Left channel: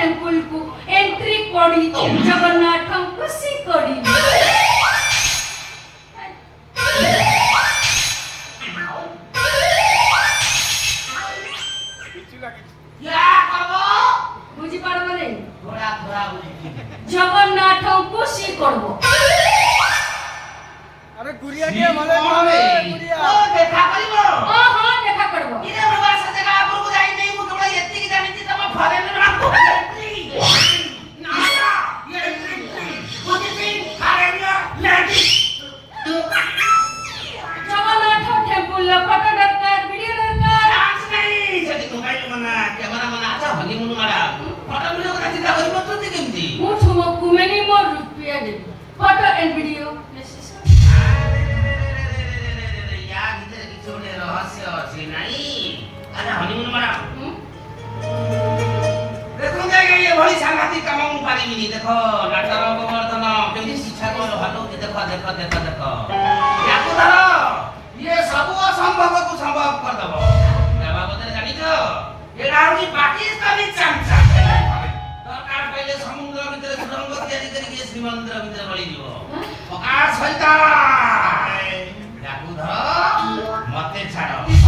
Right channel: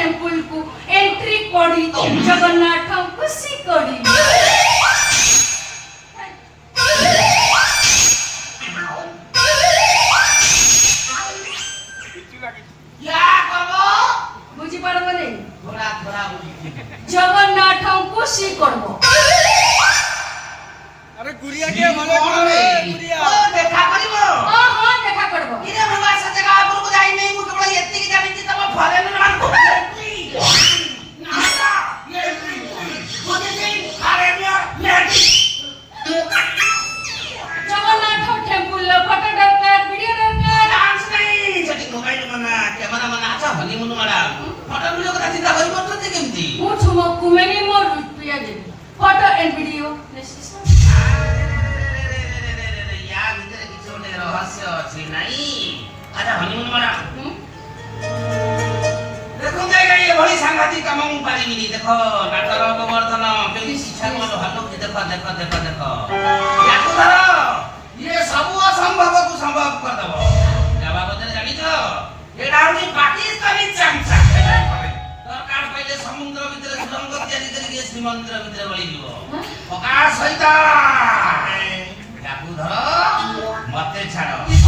temple को entry करी जगन्नाथ खुशी करी क्या कहो बुझी पारबो नहीं थोड़ा थोड़ा जगन्नाथ खुशी करबो अरे गुड़िया के भले करे गुड़िया ओ देखा करिवो हां देखा करबो इने मुबा से जगह पर को जाई नहीं मु केवल एत्ती की जानि छी तब फले न राखो ना ना लेट्री बुझी नहीं अरे नियो लेट्री जगन्नाथ टेम्पल ला फोटो दरकार वीडियो दरकार डांस नहीं सेठी मोबाइल मना कैमरा मना आजा हनीमून मारा फोटो वीडियो का चिंता करिवो तो केमती मु छुमो कुमेनी मोर रुपया दे फोटो एंड वीडियो या भीतर किछ गोटे रहस्य अछि नाही आजा हनीमून मारा देखो देगा ये बड़ी सांघातिक काम मु पारिमिनी देखो नाटर गोवर्धन केली शिक्षा कर हलो देखो देखो देखो देखो याकू धरो ये सब असंभव को संभव कर दबो जवाब दे जानि तो एडा होनी पाकिस्तानी चांचा दरकार पहिले समुद्र भितर सुरंग तयारी करी के श्रीमंदिर भितर गली जीवो पकार सहित याकू धरो मते छाड़ो